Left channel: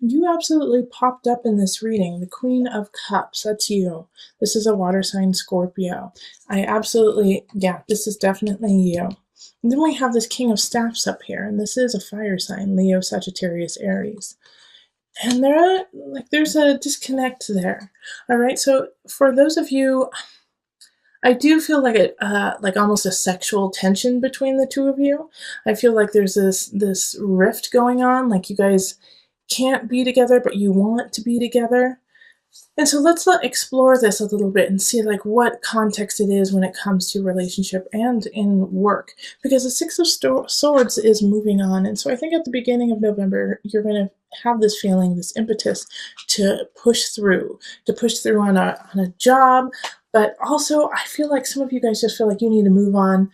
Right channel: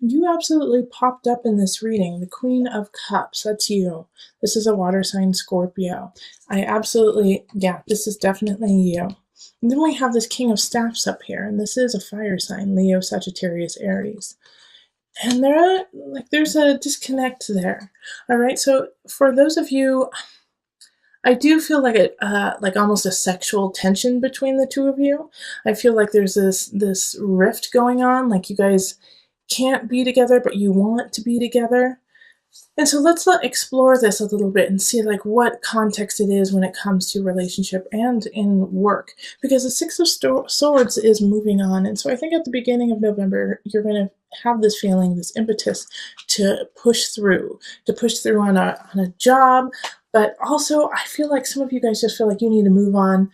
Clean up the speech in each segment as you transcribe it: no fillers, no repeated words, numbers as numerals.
You absolutely popped up in this reading. The Queen of Cups, that's you. This is a water sign Scorpio. I absolutely, yeah, this is definitely you. And then we have this King of Staffs up here, and this is a fire sign, Leo, Sagittarius, Aries. And there's a disconnect there. All right, so for those of you, I do feel like almost a sexual tension between the two of you. I feel like there's this rift going on, like you guys can't be together, but you want to be together. And so explore this a little bit and see like what context it is when it comes to relationship and in work, because the Six of Swords is moving on, and so I think at the beginning of November you're going to have this feeling, this impetus to push through on a job, but also I feel like some of you guys just feel like you need to move on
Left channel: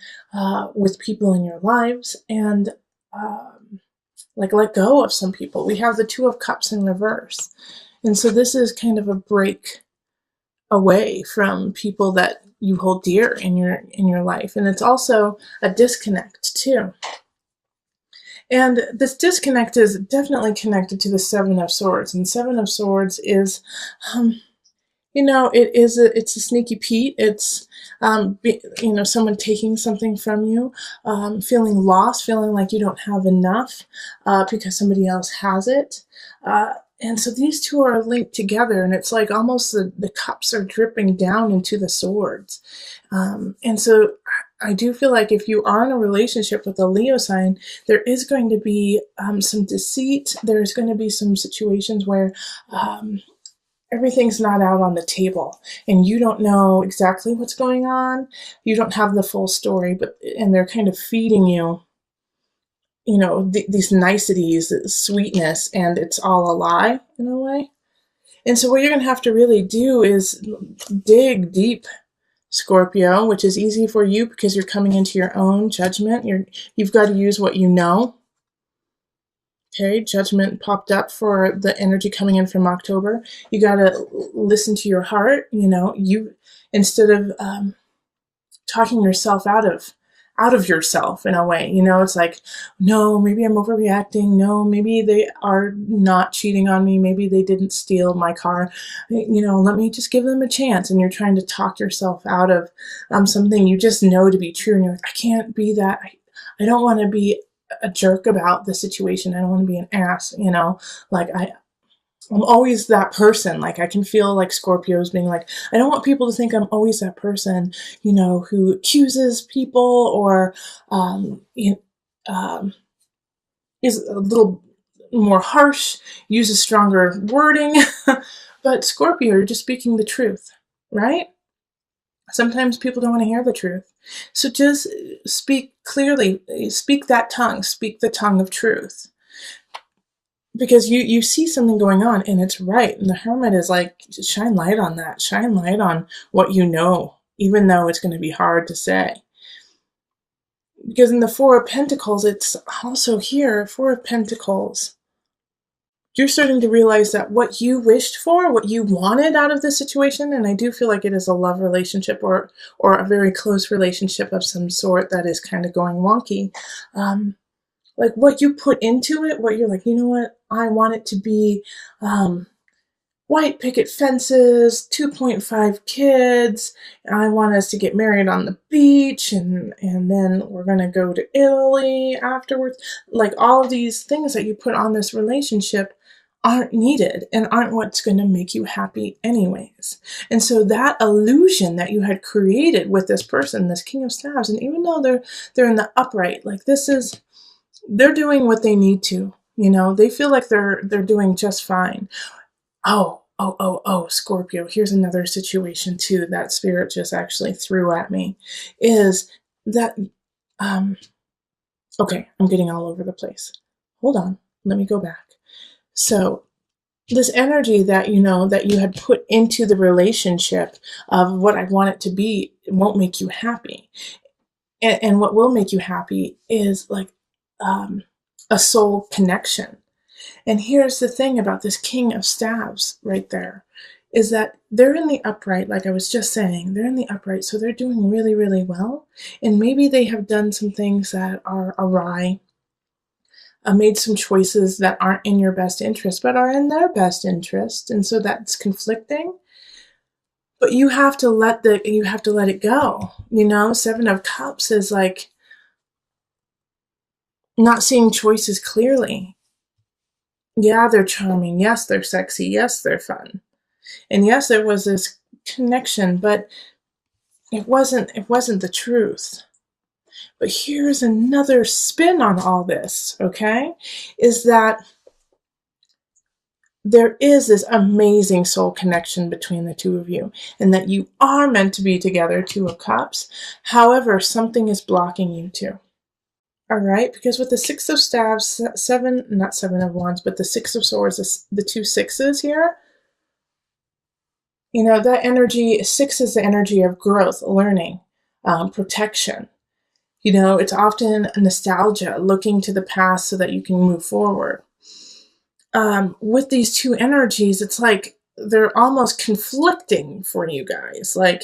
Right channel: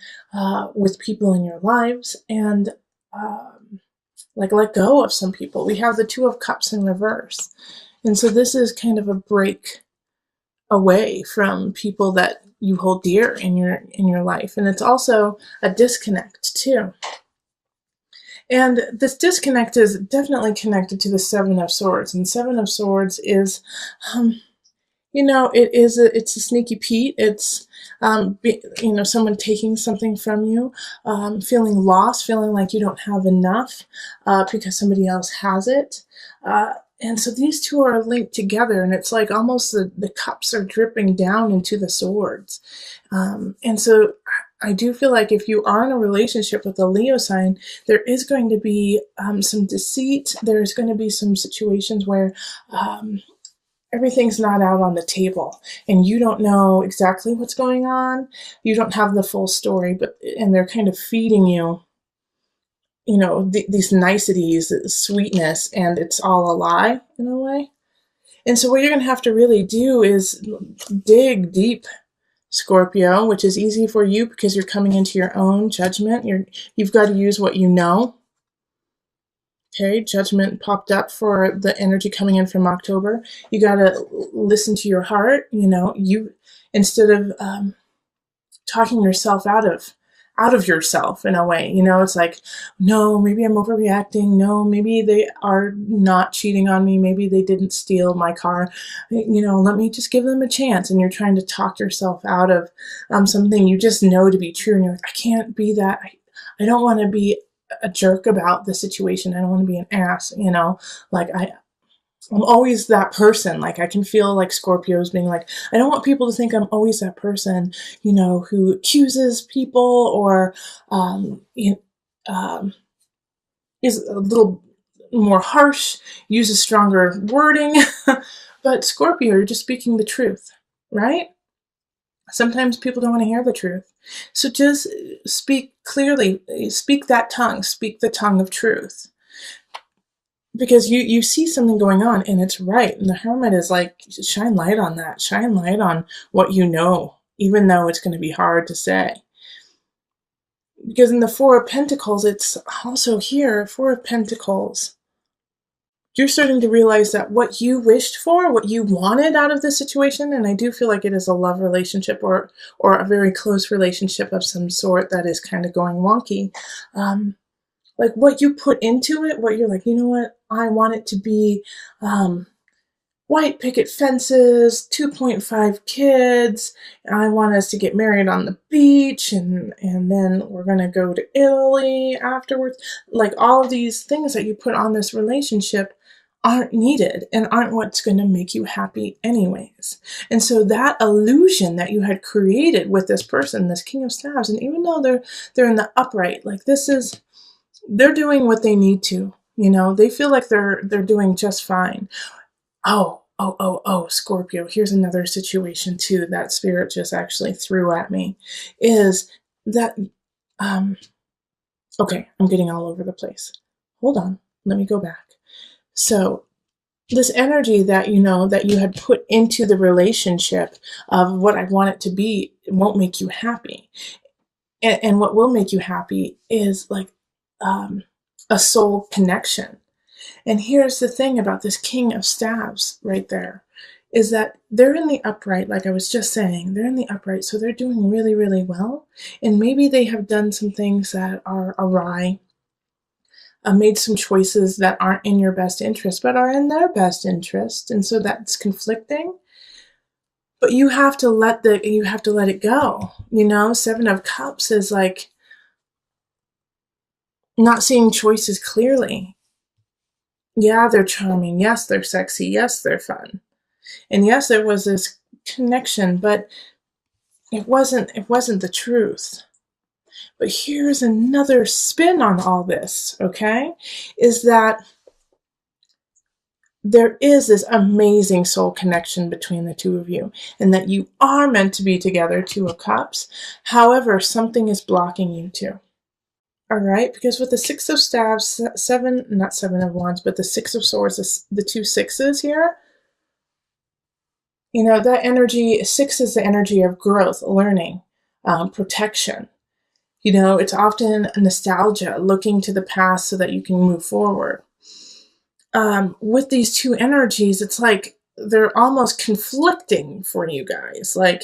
with people in your lives and like let go of some people. We have the Two of Cups in reverse. And so this is kind of a break away from people that you hold dear in your life. And it's also a disconnect too. And this disconnect is definitely connected to the Seven of Swords. And Seven of Swords is it's a sneaky Pete. It's someone taking something from you, feeling lost, feeling like you don't have enough because somebody else has it. And so these two are linked together, and it's like almost the cups are dripping down into the swords. And so I do feel like if you are in a relationship with a Leo sign, there is going to be some deceit. There's going to be some situations where everything's not out on the table and you don't know exactly what's going on. You don't have the full story, and they're kind of feeding you these niceties, sweetness, and it's all a lie in a way. And so what you're going to have to really do is dig deep, Scorpio, which is easy for you because you're coming into your own judgment. You've got to use what you know. Okay, judgment popped up for the energy coming in from October. You got to listen to your heart. You instead of talking yourself out of yourself in a way. It's like, no, maybe I'm overreacting. No, maybe they are not cheating on me. Maybe they didn't steal my car. Let me just give them a chance. And you're trying to talk yourself out of something you just know to be true. And you're like, I can't be that. I don't want to be a jerk about the situation. I don't want to be an ass. Like I'm always that person. Like I can feel like Scorpios being like, I don't want people to think I'm always that person, who accuses people or is a little more harsh, uses stronger wording. But Scorpio, you're just speaking the truth, right? Sometimes people don't want to hear the truth. So just speak clearly, speak that tongue, speak the tongue of truth. Because you see something going on and it's right. And the hermit is like, shine light on that. Shine light on what you know, even though it's going to be hard to say. Because in the Four of Pentacles, it's also here, Four of Pentacles. You're starting to realize that what you wished for, what you wanted out of this situation, and I do feel like it is a love relationship or a very close relationship of some sort that is kind of going wonky. Like what you put into it, what you're like, you know what, I want it to be white picket fences, 2.5 kids. I want us to get married on the beach and then we're going to go to Italy afterwards. Like all of these things that you put on this relationship aren't needed and aren't what's going to make you happy anyways. And so that illusion that you had created with this person, this King of Staves, and even though they're in the upright, like they're doing what they need to, they feel like they're doing just fine. Oh, Scorpio, here's another situation too that Spirit just actually threw at me, is that, okay, I'm getting all over the place. Hold on, let me go back. So this energy that, that you have put into the relationship of what I want it to be, it won't make you happy. And what will make you happy is like a soul connection. And here's the thing about this King of Staves right there, is that they're in the upright, like I was just saying, they're in the upright, so they're doing really, really well. And maybe they have done some things that are awry. made some choices that aren't in your best interest, but are in their best interest, and so that's conflicting. But you have to let it go. Seven of Cups is like not seeing choices clearly. Yeah, they're charming. Yes, they're sexy. Yes, they're fun. And yes, there was this connection, but it wasn't the truth. But here's another spin on all this, okay? Is that there is this amazing soul connection between the two of you, and that you are meant to be together, Two of Cups. However, something is blocking you two. All right, because with the Six of Staves, not Seven of Wands, but the Six of Swords, the two sixes here, that energy, six is the energy of growth, learning, protection. It's often nostalgia, looking to the past so that you can move forward. With these two energies, it's like they're almost conflicting for you guys. Like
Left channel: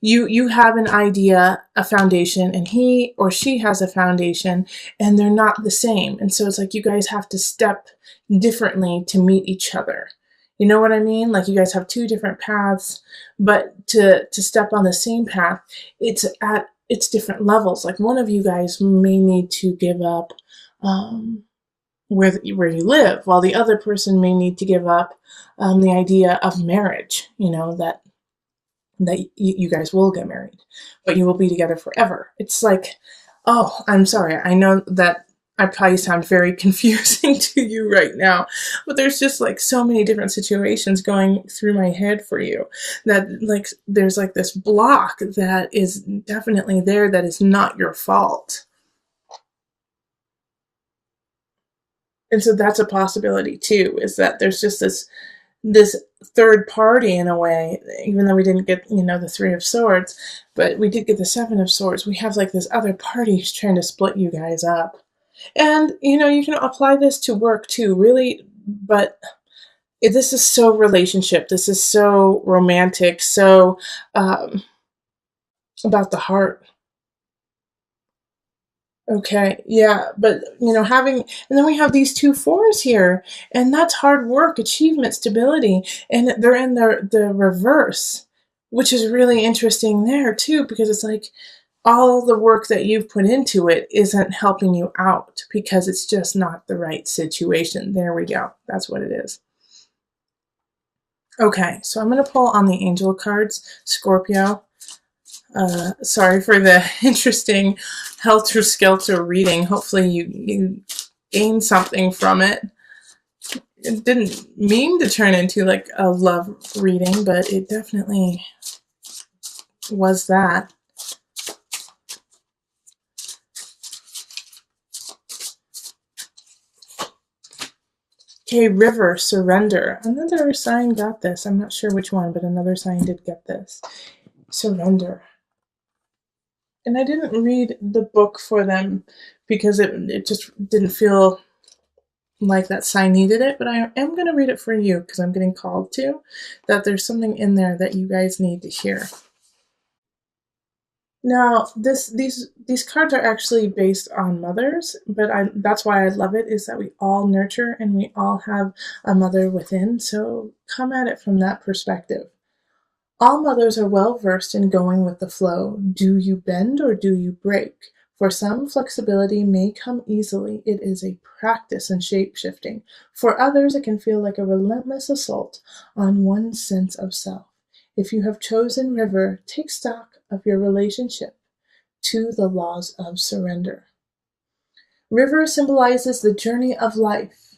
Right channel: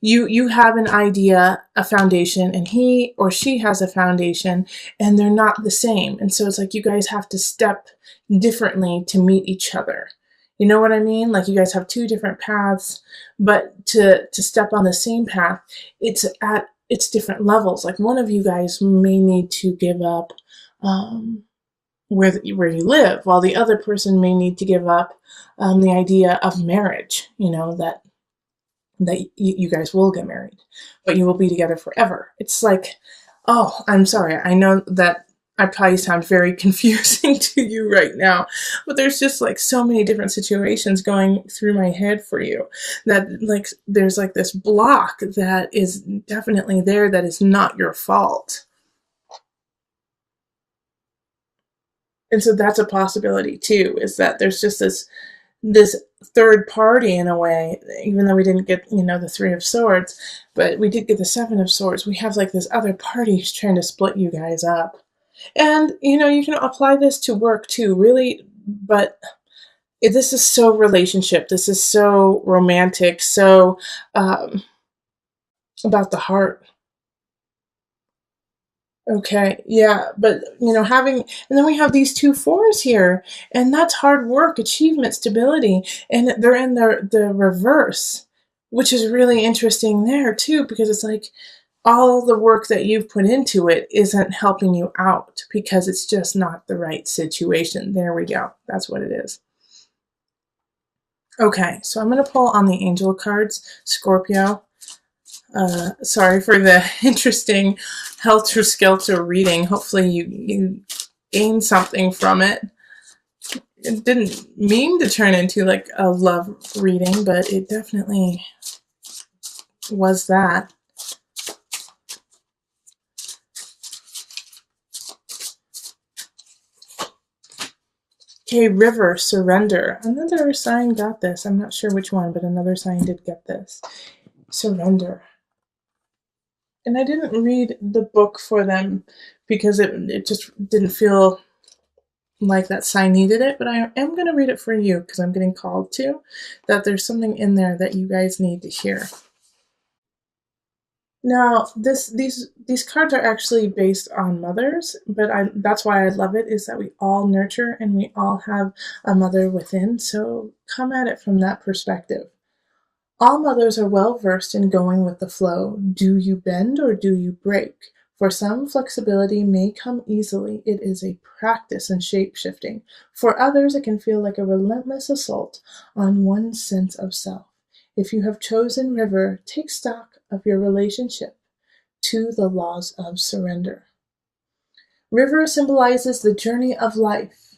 you have an idea, a foundation, and he or she has a foundation, and they're not the same. And so it's like you guys have to step differently to meet each other. You know what I mean? Like you guys have two different paths, but to step on the same path, it's different levels. Like one of you guys may need to give up where you live, while the other person may need to give up the idea of marriage. That you guys will get married, but you will be together forever. It's like, oh, I'm sorry. I know that I probably sound very confusing to you right now, but there's just like so many different situations going through my head for you that like there's like this block that is definitely there that is not your fault. And so that's a possibility too, is that there's just this third party in a way, even though we didn't get, the Three of Swords, but we did get the Seven of Swords. We have like this other party who's trying to split you guys up. And, you can apply this to work too, really, but this is so relationship. This is so romantic, so about the heart. Okay, yeah, but and then we have these two fours here, and that's hard work, achievement, stability, and they're in the reverse, which is really interesting there too, because it's like all the work that you've put into it isn't helping you out because it's just not the right situation. There we go. That's what it is. Okay, so I'm going to pull on the angel cards, Scorpio. Sorry for the interesting helter-skelter reading. Hopefully you gain something from it. It didn't mean to turn into like a love reading, but it definitely was that. Okay, River, Surrender. Another sign got this. I'm not sure which one, but another sign did get this. Surrender. And I didn't read the book for them because it just didn't feel like that sign needed it, but I am going to read it for you because I'm getting called to, that there's something in there that you guys need to hear. Now, these cards are actually based on mothers, but that's why I love it, is that we all nurture and we all have a mother within, so come at it from that perspective. All mothers are well versed in going with the flow. Do you bend or do you break? For some, flexibility may come easily. It is a practice in shape shifting. For others, it can feel like a relentless assault on one's sense of self. If you have chosen River, take stock of your relationship to the laws of surrender. River symbolizes the journey of life,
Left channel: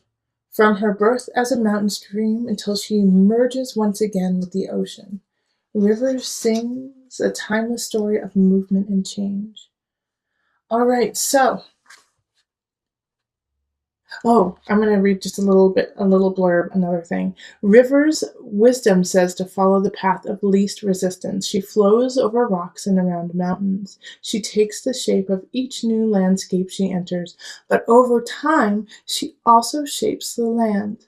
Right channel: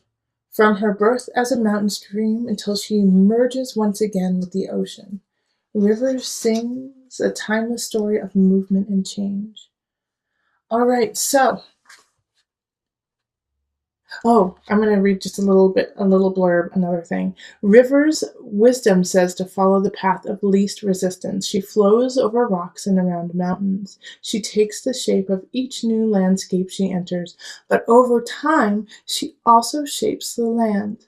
from her birth as a mountain stream until she merges once again with the ocean. River sings a timeless story of movement and change. All right, so I'm going to read just a little blurb, another thing. River's wisdom says to follow the path of least resistance. She flows over rocks and around mountains. She takes the shape of each new landscape she enters, but over time, she also shapes the land.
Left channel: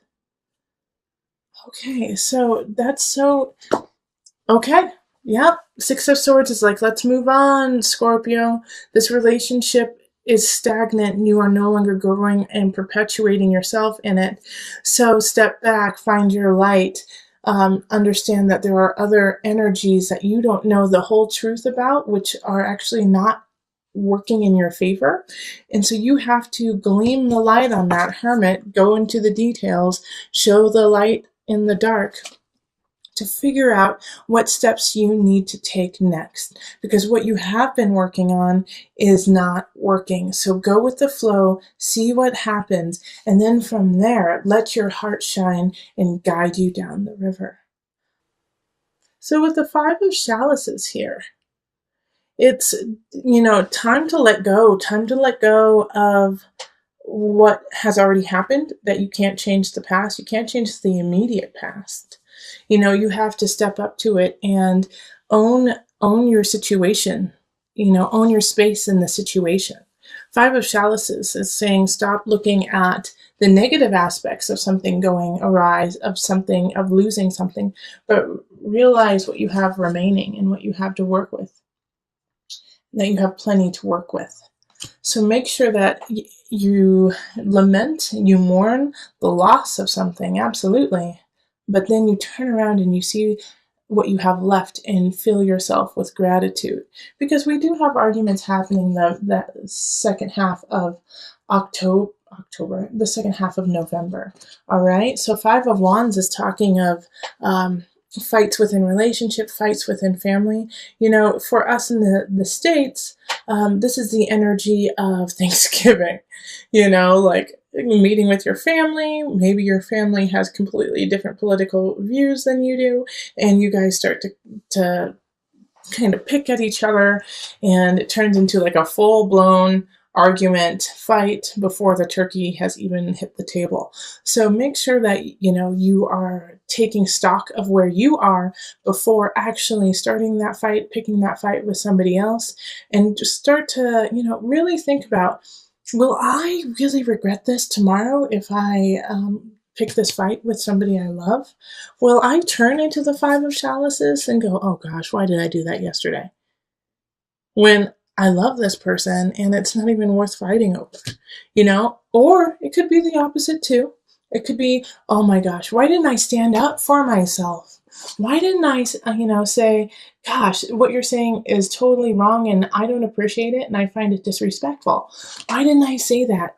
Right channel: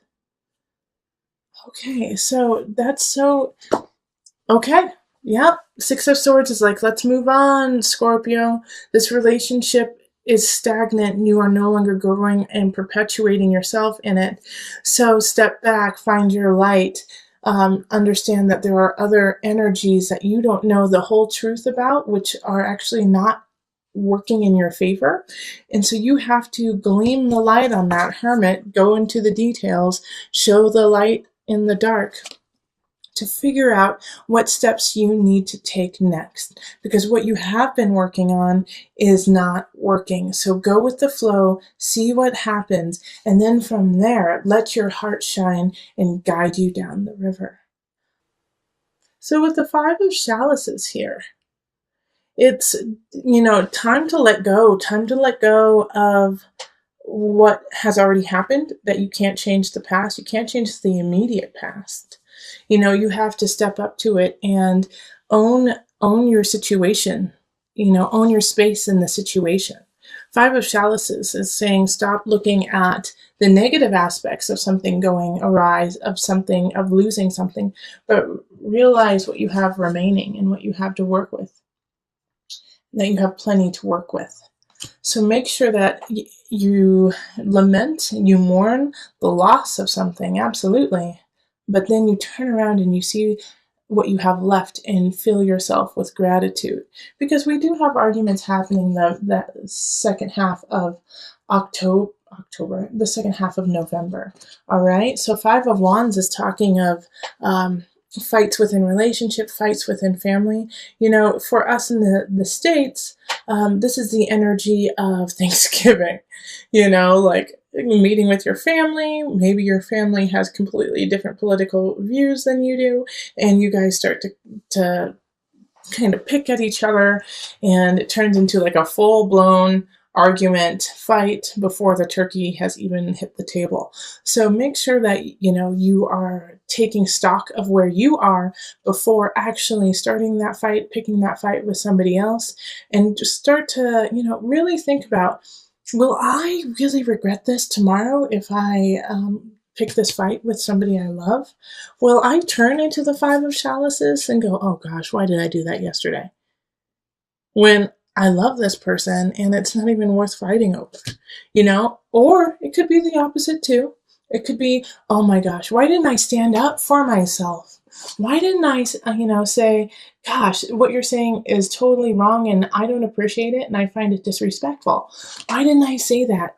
Okay, so that's so... Okay, yeah. Six of Swords is like, let's move on, Scorpio. This relationship is stagnant and you are no longer growing and perpetuating yourself in it. So step back, find your light, understand that there are other energies that you don't know the whole truth about, which are actually not working in your favor. And so you have to gleam the light on that hermit, go into the details, show the light in the dark to figure out what steps you need to take next, because what you have been working on is not working. So go with the flow, see what happens, and then from there, let your heart shine and guide you down the river. So with the Five of Chalices here, it's, time to let go of what has already happened, that you can't change the past. You can't change the immediate past. You have to step up to it and own your situation, own your space in the situation. Five of Chalices is saying stop looking at the negative aspects of something going awry, of losing something, but realize what you have remaining and what you have to work with, that you have plenty to work with. So make sure that you lament, you mourn the loss of something, absolutely. But then you turn around and you see what you have left and fill yourself with gratitude. Because we do have arguments happening that second half of October, the second half of November. All right. So Five of Wands is talking of fights within relationship, fights within family. For us in the States, this is the energy of Thanksgiving, like meeting with your family. Maybe your family has completely different political views than you do, and you guys start to kind of pick at each other, and it turns into like a full-blown argument, fight before the turkey has even hit the table. So make sure that you are taking stock of where you are before actually starting that fight, picking that fight with somebody else, and just start to really think about, will I really regret this tomorrow if I pick this fight with somebody I love? Will I turn into the Five of Chalices and go, oh gosh, why did I do that yesterday? When I love this person and it's not even worth fighting over, Or it could be the opposite too. It could be, oh my gosh, why didn't I stand up for myself? Why didn't I, say, gosh, what you're saying is totally wrong and I don't appreciate it and I find it disrespectful. Why didn't I say that?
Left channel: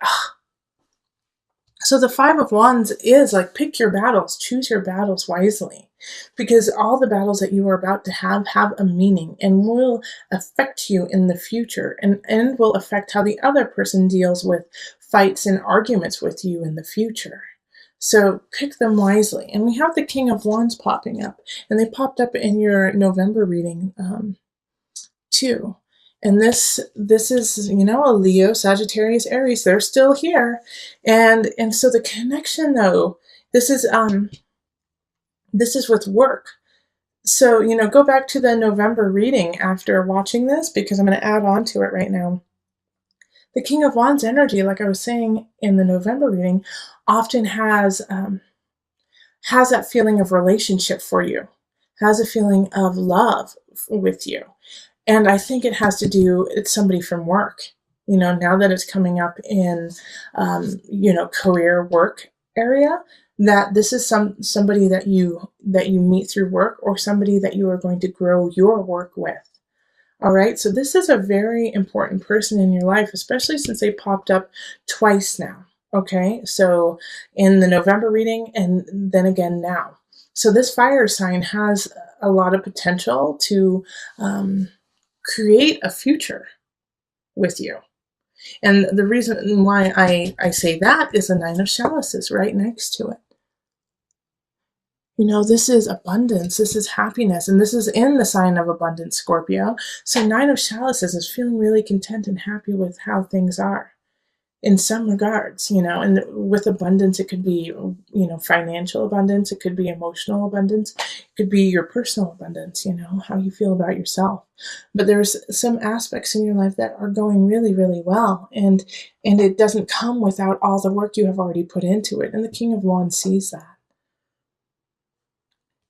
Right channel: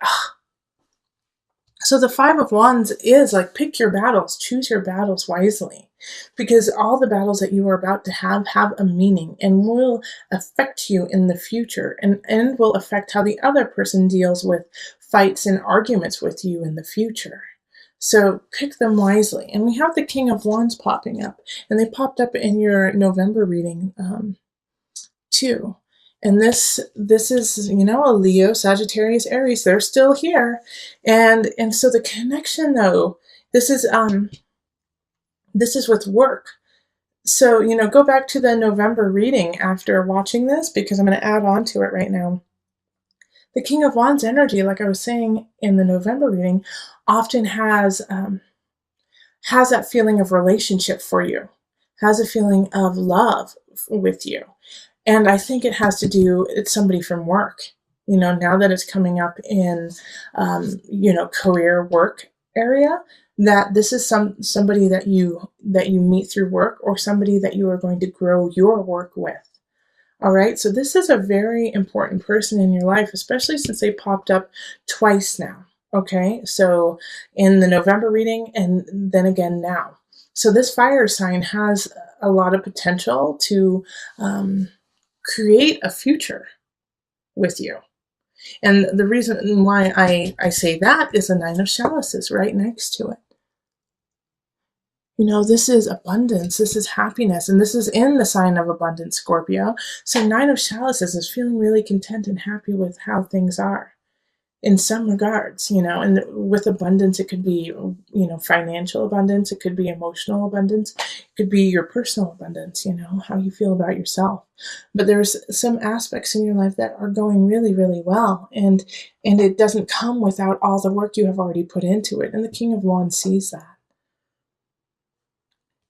So the Five of Wands is like, pick your battles, choose your battles wisely, because all the battles that you are about to have a meaning and will affect you in the future, and will affect how the other person deals with fights and arguments with you in the future. So pick them wisely. And we have the King of Wands popping up, and they popped up in your November reading too. And this is, a Leo, Sagittarius, Aries. They're still here. And so the connection though, this is with work. So, go back to the November reading after watching this, because I'm going to add on to it right now. The King of Wands energy, like I was saying in the November reading, often has that feeling of relationship for you, has a feeling of love with you. And I think it has to do, it's somebody from work, now that it's coming up in, career work area, that this is somebody that you meet through work, or somebody that you are going to grow your work with. All right. So this is a very important person in your life, especially since they popped up twice now. Okay. So in the November reading and then again now. So this fire sign has a lot of potential to, create a future with you. And the reason why I say that is the Nine of Chalices right next to it. This is abundance, this is happiness, and this is in the sign of abundance, Scorpio. So Nine of Chalices is feeling really content and happy with how things are in some regards, and with abundance, it could be, financial abundance, it could be emotional abundance, it could be your personal abundance, how you feel about yourself. But there's some aspects in your life that are going really, really well, and it doesn't come without all the work you have already put into it. And the King of Wands sees that.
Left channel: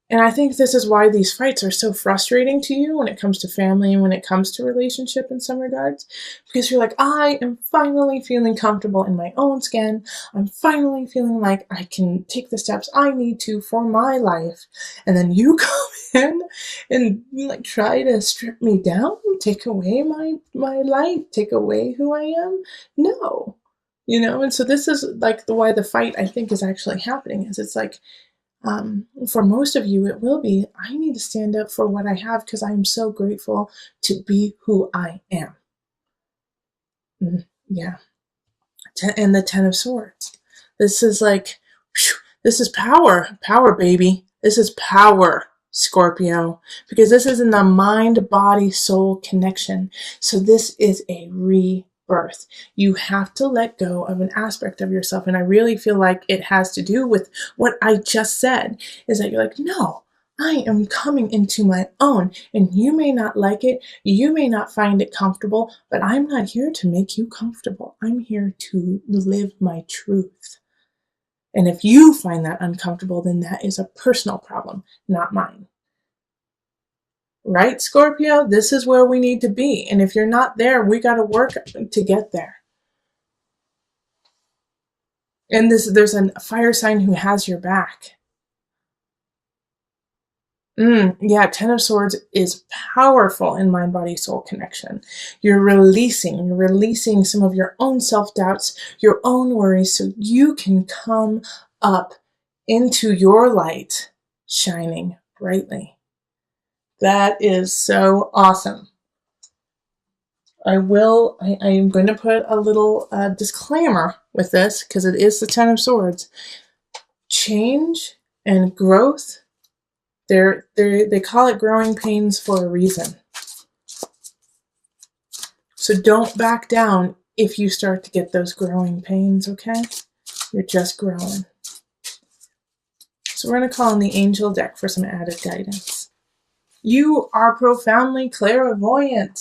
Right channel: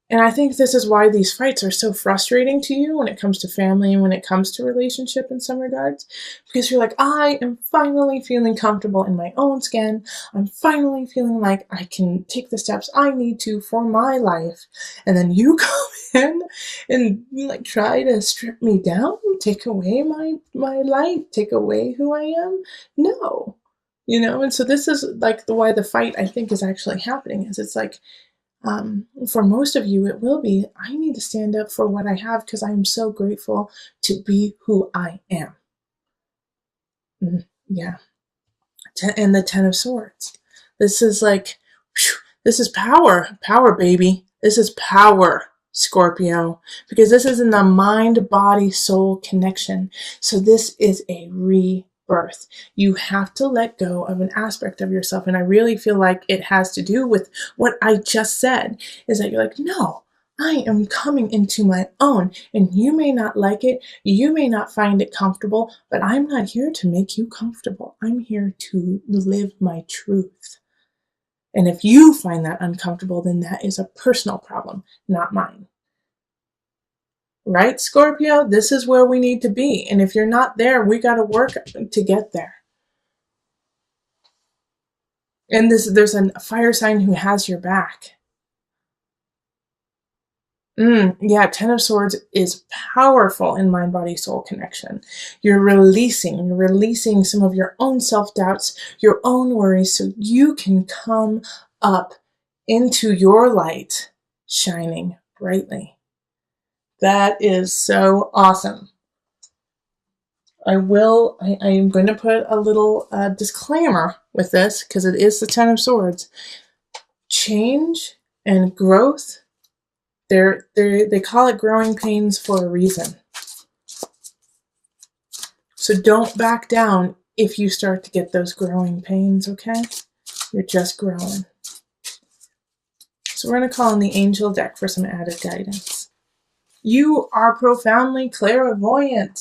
And I think this is why these fights are so frustrating to you when it comes to family and when it comes to relationship in some regards. Because you're like, I am finally feeling comfortable in my own skin. I'm finally feeling like I can take the steps I need to for my life. And then you come in and you like try to strip me down, take away my light, take away who I am. No. And so this is like why the fight I think is actually happening is it's like for most of you, it will be, I need to stand up for what I have because I'm so grateful to be who I am. Yeah. And the Ten of Swords. This is like, this is power. Power, baby. This is power, Scorpio. Because this is in the mind, body, soul connection. So this is a rebirth. You have to let go of an aspect of yourself. And I really feel like it has to do with what I just said, is that you're like, no, I am coming into my own, and you may not like it, you may not find it comfortable, but I'm not here to make you comfortable. I'm here to live my truth. And if you find that uncomfortable, then that is a personal problem, not mine. Right, Scorpio? This is where we need to be. And if you're not there, we got to work to get there. And there's a fire sign who has your back. Yeah, Ten of Swords is powerful in mind, body, soul connection. You're releasing some of your own self-doubts, your own worries, so you can come up into your light, shining brightly. That is so awesome. I am going to put a little disclaimer with this because it is the Ten of Swords. Change and growth, they call it growing pains for a reason. So don't back down if you start to get those growing pains, okay? You're just growing. So we're going to call on the angel deck for some added guidance. You are profoundly clairvoyant.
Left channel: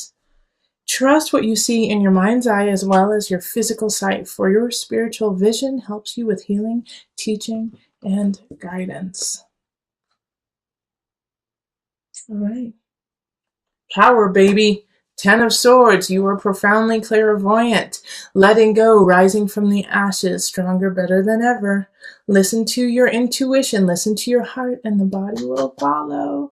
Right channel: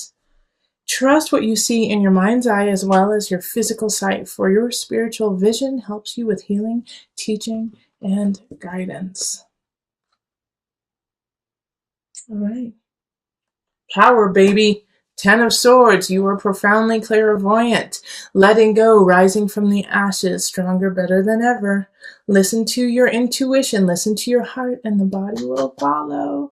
Trust what you see in your mind's eye as well as your physical sight, for your spiritual vision helps you with healing, teaching, and guidance. All right. Power, baby. Ten of Swords, you are profoundly clairvoyant. Letting go, rising from the ashes, stronger, better than ever. Listen to your intuition, listen to your heart, and the body will follow.